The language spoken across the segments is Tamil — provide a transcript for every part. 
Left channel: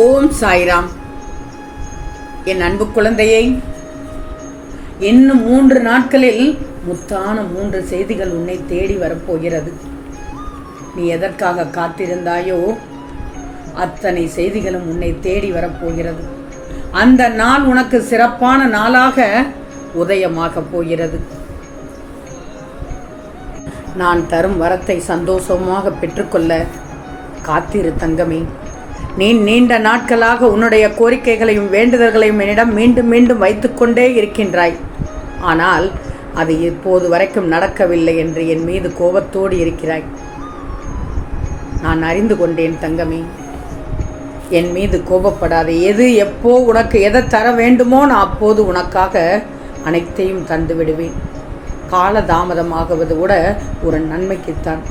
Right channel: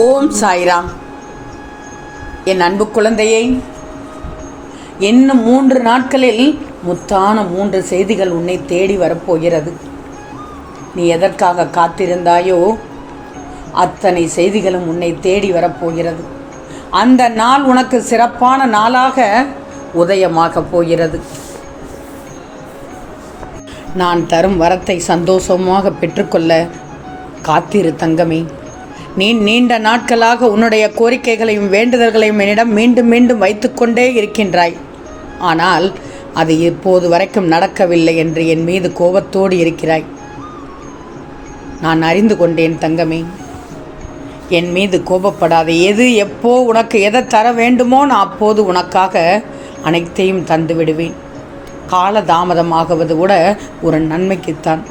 ஓம் சாய்ராம். என் அன்பு குழந்தையை, இன்னும் 3 நாட்களில் முத்தான 3 செய்திகள் உன்னை தேடி வரப்போகிறது. நீ எதற்காக காத்திருந்தாயோ அத்தனை செய்திகளும் உன்னை தேடி வரப்போகிறது. அந்த நாள் உனக்கு சிறப்பான நாளாக உதயமாக போகிறது. நான் தரும் வரத்தை சந்தோஷமாக பெற்றுக்கொள்ள காத்திரு தங்கமே. நீ நீண்ட நாட்களாக உன்னுடைய கோரிக்கைகளையும் வேண்டுதல்களையும் என்னிடம் மீண்டும் மீண்டும் வைத்துக்கொண்டே இருக்கின்றாய். ஆனால் அது இப்போது வரைக்கும் நடக்கவில்லை என்று என் மீது கோபத்தோடு இருக்கிறாய். நான் அறிந்து கொண்டேன் தங்கமே. என் மீது கோபப்படாதே. எது எப்போ உனக்கு எதை தர வேண்டுமோ நான் அப்போது உனக்காக அனைத்தையும் தந்து விடுவேன். கால தாமதமாகுவது கூட ஒரு நன்மைக்குத்தான்.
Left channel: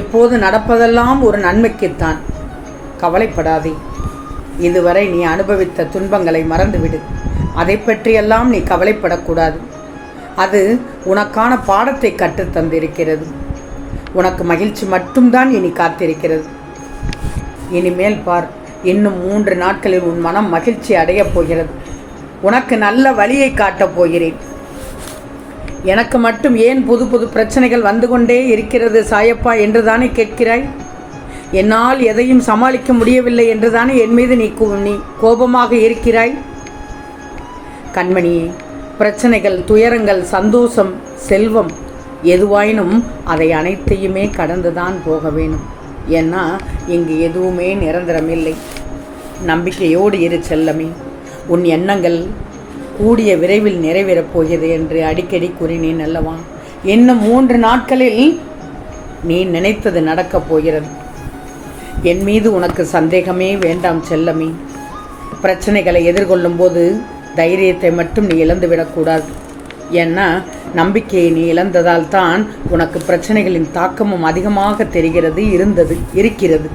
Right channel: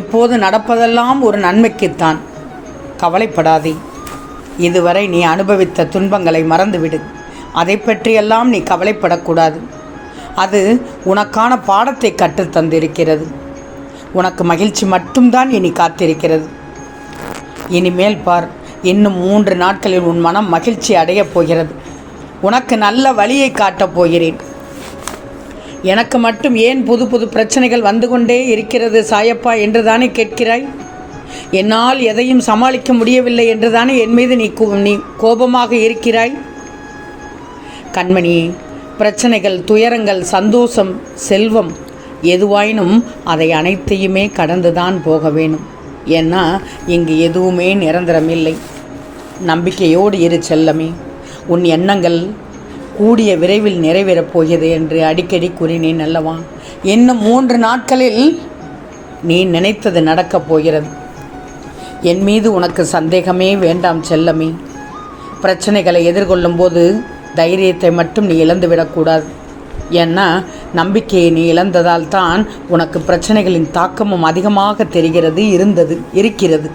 இப்போது நடப்பதெல்லாம் ஒரு நன்மைக்குத்தான். கவலைப்படாதே. இதுவரை நீ அனுபவித்த துன்பங்களை மறந்துவிடு. அதை பற்றியெல்லாம் நீ கவலைப்படக்கூடாது. அது உனக்கான பாடத்தை கற்றுத்தந்திருக்கிறது. உனக்கு மகிழ்ச்சி மட்டும்தான் இனி காத்திருக்கிறது. இனிமேல் பார், இன்னும் 3 நாட்களில் உன் மனம் மகிழ்ச்சி அடையப் போகிறது. உனக்கு நல்ல வழியை காட்டப் போகிறேன். எனக்கு மட்டும் ஏன் புது புது பிரச்சனைகள் வந்து கொண்டே இருக்கிறது சாயப்பா என்று தானே கேட்கிறாய்? என்னால் எதையும் சமாளிக்க முடியவில்லை என்று தானே என் மீது நீ கோபமாக இருக்கிறாய்? கண்மணியே, பிரச்சனைகள், துயரங்கள், சந்தோஷம், செல்வம் எதுவாயினும் அதை அனைத்தையுமே கடந்துதான் போக வேணும். ஏன்னா இங்கு எதுவுமே நிரந்தரமில்லை. நம்பிக்கையோடு இரு செல்லமே. உன் எண்ணங்கள் கூடிய விரைவில் நிறைவேறப் போகிறது என்று அடிக்கடி கூறினேன் அல்லவா? இன்னும் 3 நாட்களில் நீ நினைத்தது நடக்கப் போகிறது. என் மீது உனக்கு சந்தேகமே வேண்டாம் செல்லமே. பிரச்சனைகளை எதிர்கொள்ளும் போது தைரியத்தை மட்டும் நீ இழந்துவிடக்கூடாது. ஏன்னா நம்பிக்கையை நீ இழந்ததால் தான் உனக்கு பிரச்சனைகளின் தாக்கமும் அதிகமாக இருக்கிறது.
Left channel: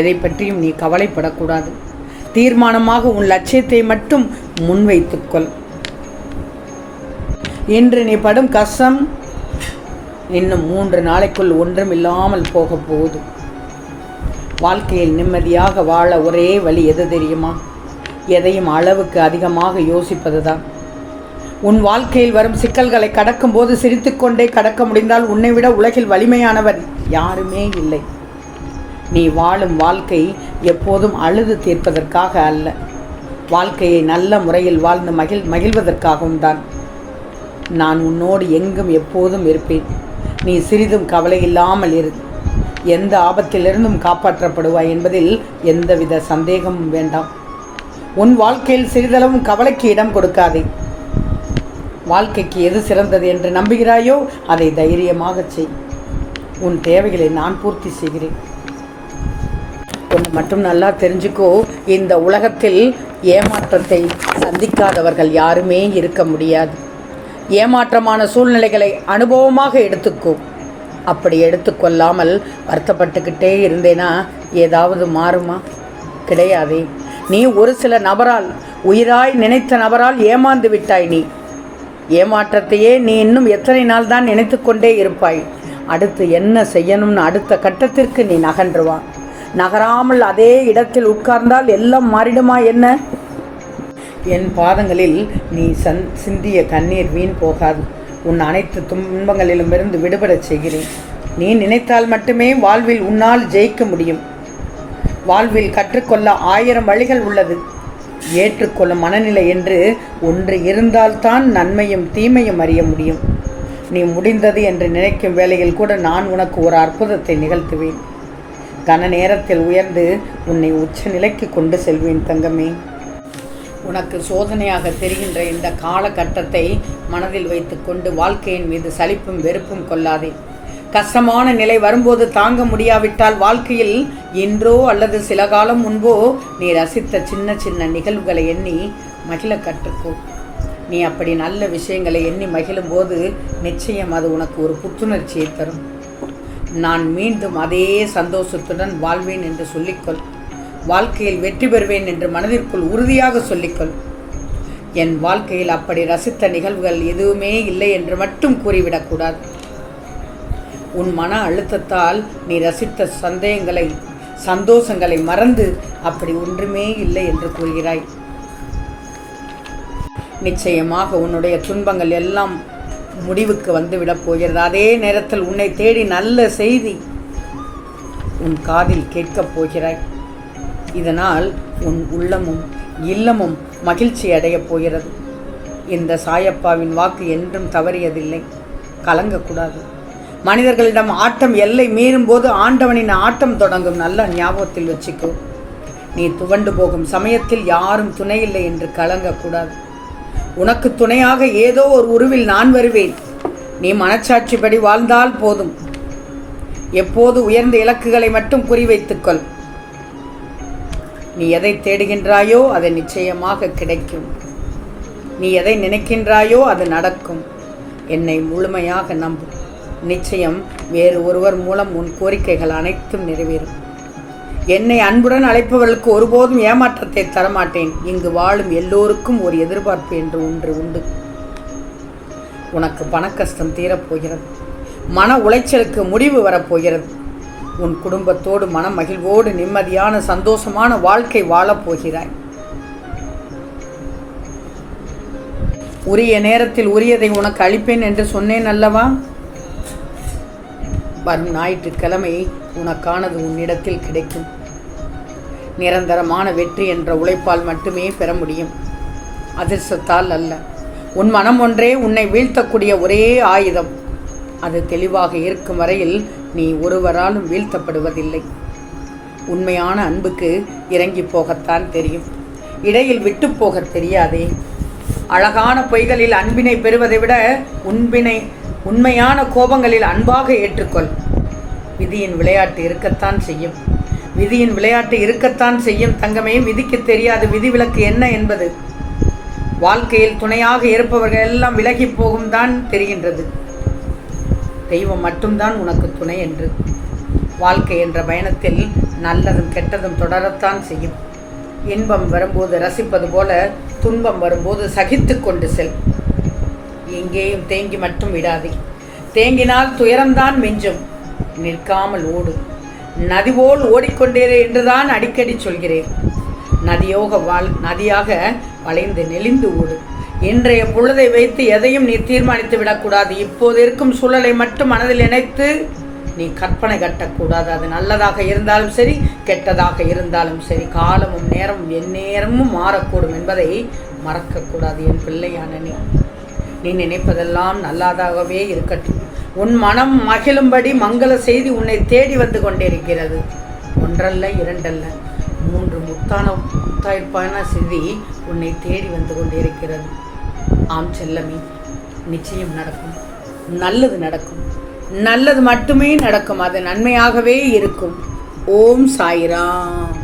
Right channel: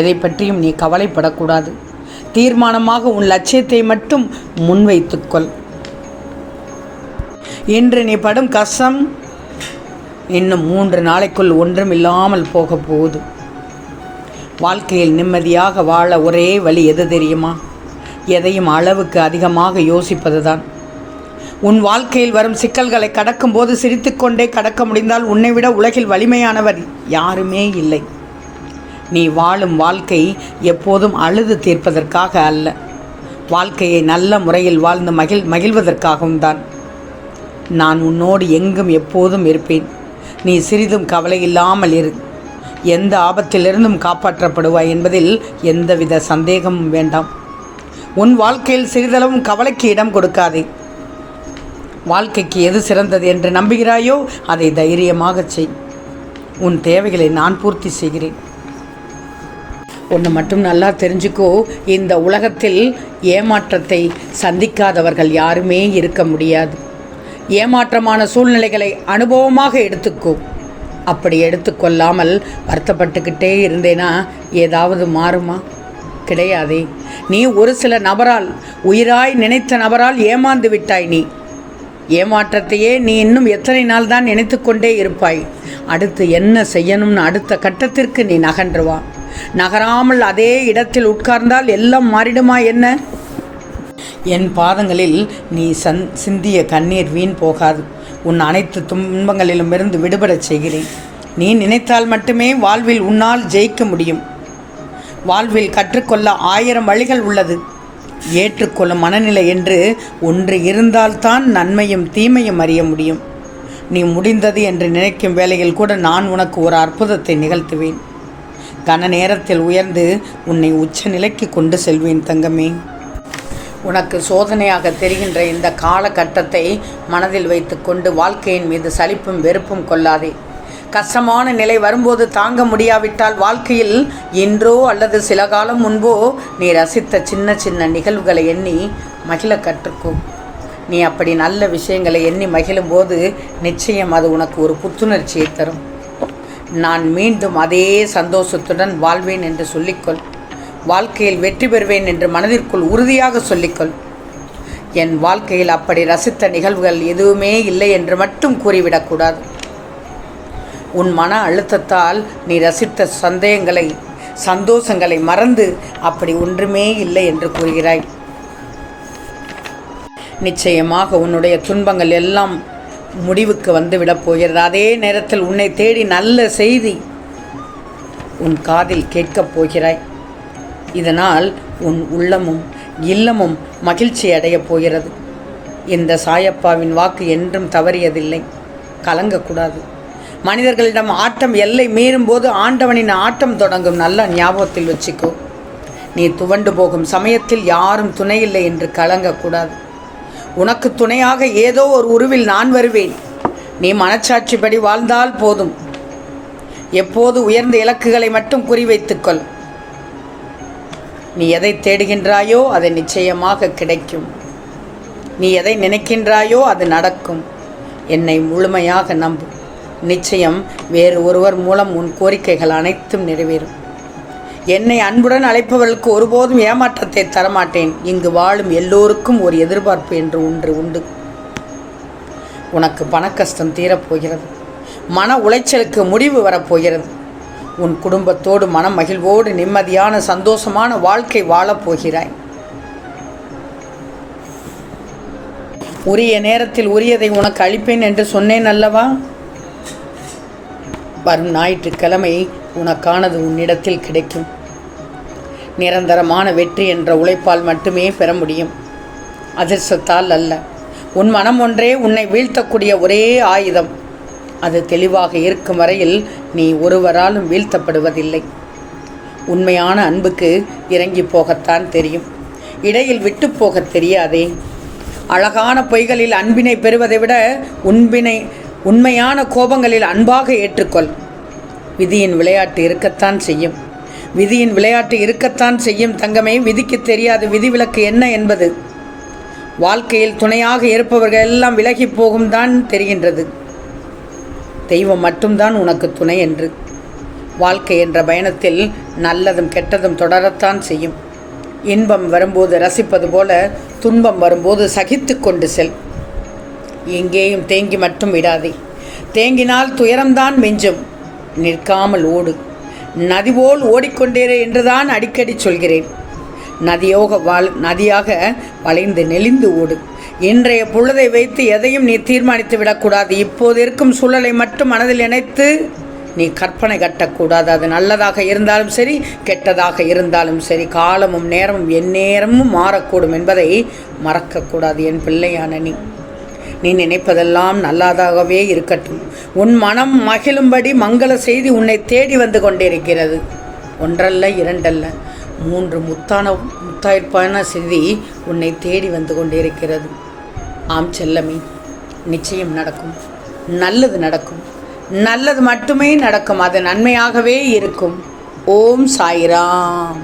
எதை பற்றியும் நீ கவலைப்படக்கூடாது. தீர்மானமாக உன் லட்சியத்தை மட்டும் முன்வைத்துக்கொள். இன்று நீ படும் கஷ்டம் இன்னும் 3 நாளைக்குள் ஒன்றும் இல்லாமல் போக போகுது. வாழ்க்கையில் நிம்மதியாக வாழ ஒரே வழி எது தெரியுமா? எதையும் அளவுக்கு அதிகமாக யோசிப்பது தான். உன் வாழ்க்கையில் வரும் சிக்கல்களை கடக்கும்போது சிரித்துக்கொண்டே கடக்க முடிந்தால் உன்னை விட உலகில் வலிமையானவர் யாருமே இல்லை. நீ வாழும் வாழ்க்கை எப்போதும் அழுது தீர்ப்பதற்காக அல்ல. வாழ்க்கையை நல்ல முறையில் வாழ்ந்து மகிழ்வதற்காகவும் தான். நான் உன்னோடு எங்கும் எப்போதும் இருப்பேன். நீ சிறிதும் கவலை இல்லாமல் இரு. எந்த ஆபத்திலிருந்தும் காப்பாற்றப்படுவாய் என்பதில் எந்தவித சந்தேகமும் வேண்டாம். உன் வாழ்க்கையில் சிறிதளவும் கவலைக்கு இடம் கொடுக்காதே. வாழ்க்கைக்கு எது சிறந்தது என்று நம்புகிறாயோ அதை தைரியமாக செய். உன் தேவைகளை நான் பூர்த்தி செய்கிறேன். ஒன்று மட்டும் நல்லா தெரிஞ்சுக்கோ, இந்த உலகத்தில் ஏமாற்றத்தை சந்திக்காதவர்கள் யாருமே இருக்க முடியாது. ஏமாற்றமான சூழ்நிலைகளை அனுபவமாக எடுத்துக்கோ. அப்படி எடுத்துக்கொள்ளாமல் வருத்தப்பட்டுக்கிட்டே இருந்தேனா ஏதாவது மாறுமா? கிடையாதே. நீ ஒரு சில நபரால், உயிராய் நினைத்த நபரால் ஏமாந்து விட்டாய். நீ ஏமாற்றத்தையே நீ இன்னும் எத்தனை நாள் தான் நினைத்து கொண்டே இருப்பாய்? அடுத்து என்ன செய்யணும்னு அடுத்த கட்டத்திற்கு நீ நகன்றுவா. நகராமல் அதே இடத்தில் உட்கார்ந்தால் எல்லாம் மாறிடுமா என்ன? என் பாதங்களில் நீ சிந்திய கண்ணீர் வீண் போகாது. உன் அனைத்து துன்பங்களிலும் இருந்து விடுபடச் செய்கிறேன். நீ நினைத்தால் மட்டுமே வாழ்வில் உன்னால் ஜெயிக்க முடியும். வாழ்வில் கற்றுக்கொள்ள 1000 வழிகள் உள்ளது. ஏற்றுக்கொள்ளும் மனநிலை என்று ஒன்று இருந்தால்தான் நன்மையும் தீமையும் அறிய முடியும். நீ முடிந்தது என்று நினைக்கும் வேளையில் கூட நான் உனக்கு ஒரு அற்புதத்தை நிகழ்த்துவேன். கன நேரத்தில் உயர்ந்து உன்னை உச்ச நிலைக்கு கொண்டு செல்வேன் தங்கமே. உனக்கு சோதனையாக தெரிகின்ற இந்த காலகட்டத்தை மனதில் வைத்துக்கொண்டு வாழ்க்கையின் மீது சலிப்பும் வெறுப்பும் கொள்ளாதே. கஷ்டமான நிலை வரும்போது தாங்க முடியாவிட்டால் வாழ்க்கையில் இன்றோ அல்லது சில காலம் முன்போ நீ ரசித்த சின்ன சின்ன நிகழ்வுகளை எண்ணி மகிழ கற்றுக்கோ. நீ அப்படி நல்ல விஷயங்களை எண்ணி மகிழும்போது நிச்சயம் அது உனக்கு ஒரு புத்துணர்ச்சியை தரும். நான் மீண்டும் அதே சந்தோஷத்துடன் வாழ்வேன் என்று சொல்லிக்கொள். வாழ்க்கையில் வெற்றி பெறுவேன் என்று மனதிற்குள் உறுதியாக சொல்லிக்கொள். என் வாழ்க்கையில் அப்படி ரசித்த நிகழ்வுகள் எதுவுமே இல்லை என்று மட்டும் கூறிவிடக்கூடாது. உன் மன அழுத்தத்தால் நீ ரசித்த சந்தோஷங்களை மறந்து அப்படி ஒன்றுமே இல்லை என்று கூறுகிறாய். நிச்சயமாக உன்னுடைய துன்பங்கள் எல்லாம் முடிவுக்கு வந்துவிடப் போகிறது. அதே நேரத்தில் உன்னை தேடி நல்ல செய்தி உன் காதில் கேட்கப் போகிறாய். இதனால் உன் உள்ளமும் இல்லமும் மகிழ்ச்சி அடையப் போகிறது. இந்த சாயப்பாவின் வாக்கு என்றும் தவறியதில்லை. கலங்கக்கூடாது. மனிதர்களிடம் ஆட்டம் எல்லை மீறும் போது ஆண்டவனின் ஆட்டம் தொடங்கும். நல்ல ஞாபகத்தில் வச்சுக்கோ. நீ துவண்டு போகும் சமயத்தில் யாரும் துணையில்லை என்று கலங்கக்கூடாது. உனக்கு துணையாக ஏதோ ஒரு உருவில் நான் வருவேன். நீ மனச்சாட்சிப்படி வாழ்ந்தால் போதும். எப்போது உயர்ந்த இலக்குகளை மட்டும் குறிவைத்துக்கொள். நீ எதை தேடுகின்றாயோ அது நிச்சயமாக கிடைக்கும். நீ எதை நினைக்கின்றாயோ அது நடக்கும். என்னை முழுமையாக நம்பு. நிச்சயம் வேறு ஒருவர் மூலம் உன் கோரிக்கைகள் அனைத்தும் நிறைவேறும். என்னை அன்புடன் அழைப்பவர்களுக்கு ஒருபோதும் ஏமாற்றத்தை தரமாட்டேன். இங்கு வாழும் எல்லோருக்கும் ஒரு எதிர்பார்ப்பு என்று ஒன்று உண்டு. உனக்கு பணக்கஷ்டம் தீரப்போகிறது. மன உளைச்சலுக்கு முடிவு வரப்போகிறது. உன் குடும்பத்தோடு மன மகிழ்வோடு நிம்மதியான சந்தோஷமான வாழ்க்கை வாழப்போகிறாய். உரிய நேரத்தில் உரியதை உனக்கு அளிப்பேன் என்று சொன்னேன் அல்லவா? வரும் ஞாயிற்றுக்கிழமை உனக்கானது உன்னிடத்தில் கிடைக்கும். நிரந்தரமான வெற்றி என்ற உழைப்பால் மட்டுமே பெற முடியும், அதிர்ஷ்டத்தால் அல்ல. உன் மனம் ஒன்றே உன்னை வீழ்த்தக்கூடிய ஒரே ஆயுதம். அது தெளிவாக இருக்கும் வரையில் நீ ஒருவராலும் வீழ்த்தப்படுவதில்லை. உண்மையான அன்புக்கு இறங்கி போகத்தான் தெரியும், இடையில் விட்டு போக தெரியாதே. அழகான பொய்களில் அன்பினை பெறுவதை விட உண்மையான கோபங்களில் அன்பாக ஏற்றுக்கொள். விதியின் விளையாட்டு இருக்கத்தான் செய்யும். விதியின் விளையாட்டு இருக்கத்தான் செய்யும் தங்கமே. விதிக்கு தெரியாது விதிவிலக்கு என்ன என்பது. வாழ்க்கையில் துணையாக இருப்பவர்கள் எல்லாம் விலகி போகும் தான் தெரிகின்றது. தெய்வம் மட்டும்தான் உனக்கு துணை என்று. வாழ்க்கை என்ற பயணத்தில் நல்லதும் கெட்டதும் தொடரத்தான் செய்யும். இன்பம் வரும்போது ரசிப்பது போல துன்பம் வரும்போது சகித்து கொண்டு செல். எங்கேயும் தேங்கி மட்டும் விடாதே. தேங்கினால் துயரம்தான் மிஞ்சும். நிற்காமல் ஓடு. நதி போல் ஓடிக்கொண்டேரே என்றுதான் அடிக்கடி சொல்கிறேன். நதியாக வளைந்து நெளிந்து ஓடு. இன்றைய பொழுதை வைத்து எதையும் நீ தீர்மானித்து விடக்கூடாது. இப்போது இருக்கும் சூழலை மட்டும் மனதில் நினைத்து நீ கற்பனை கட்டக்கூடாது. அது நல்லதாக இருந்தாலும் சரி, கெட்டதாக இருந்தாலும் சரி, காலமும் நேரமும் எந்நேரமும் மாறக்கூடும் என்பதை மறக்கக்கூடாது. என் பிள்ளையான நீ நினைப்பதெல்லாம் நல்லதாகவே இருக்கட்டும். உன் மனம் மகிழும்படி மங்கள செய்தி உன்னை தேடி வந்து கொண்டிருக்கிறது. ஒன்றல்ல, இரண்டல்ல, 3 முத்தாய்ப்பான செய்தி உன்னை தேடி வந்து கொண்டிருக்கிறது. ஆம் செல்லமே, நிச்சயம் நடக்கும். நல்லது நடக்கும். நல்லது மட்டுமே நடக்கும். அது நன்மையாகவே இருக்கும். ஓம் சாய்ராம்.